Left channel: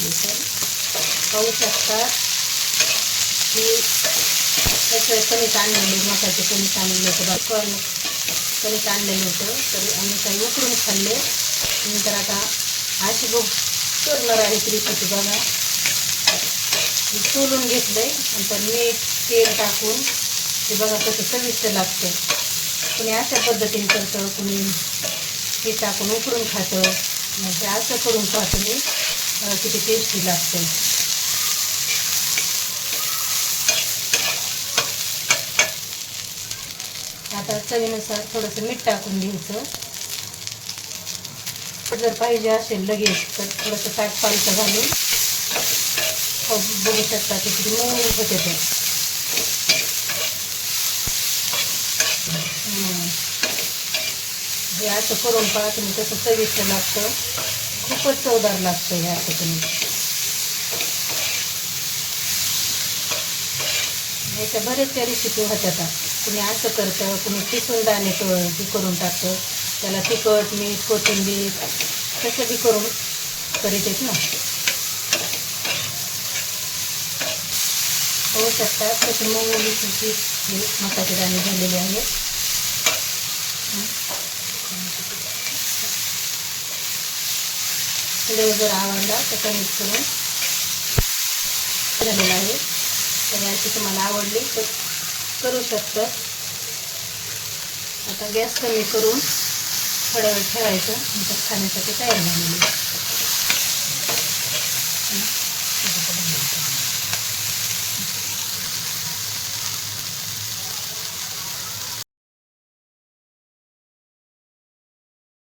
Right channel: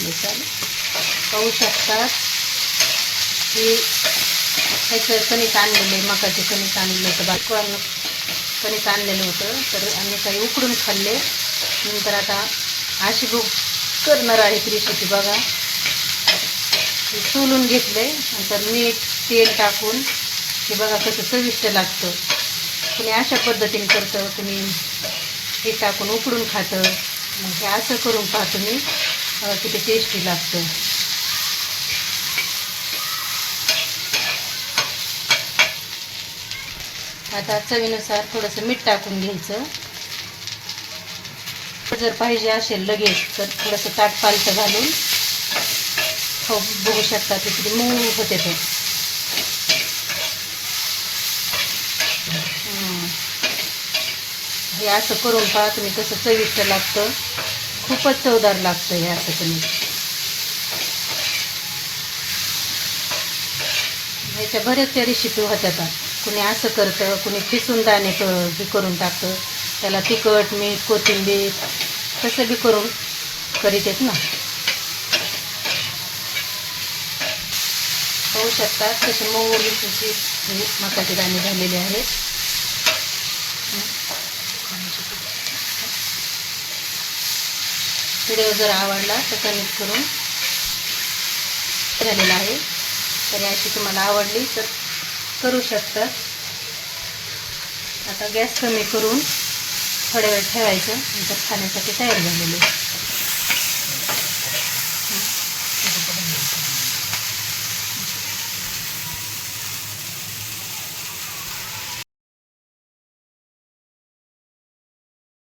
झाले तर पाहू शकता की त्याचं कणिक आणलेले मकाचे कणिक आणलेलं होतं बाजूला कणिक आणलेलं होतं तर आम्ही काही उकडून खाल्ले. नंतर आता अशी भूक करणार आहे रेसिपी बघा. सोलून घेतले नंतर मीठ तेल टाकून ते बघा कसं चविष्ट लागतं. कुणी अशा पद्धतीने करतं, कुणी हे टाकून उकडून खातं. म्हणजे असं करून पाहतो मी, किती टेस्टी लागतं. आता चवीनुसार थोडंसं मीठ टाकून घ्यायचं. जर पाहिजे असेल लगेच तर थोडंसं ताट पालथं घालून बघू शकता ते किती मऊ होते ते. हे असं करून पहा तुम्ही, कसं चविष्ट लागतं. खूपच चवदार लागतं हे असं तुम्ही. ह्याच्या बऱ्याचशा रेसिपी होत्या. कुणी असं करतं, कुणी किसून दाणे हे करून टाकतं, त्याला तिखट मीठ कोथिंबीर तसं बी करून करीत आहेत ना. पाहू शकता कसे मऊ तुमची मकाचे दाणे झालेले आहेत. व्हिडिओ जर आवडला तर कमेंट करून झालेला आहे. तर याची तुम्हाला आवडली तर करू शकता. आता गॅस कमी करून थोड्या वेळ ठेवायचं, नंतर खाण्यासाठी तयार झालेलं आहे.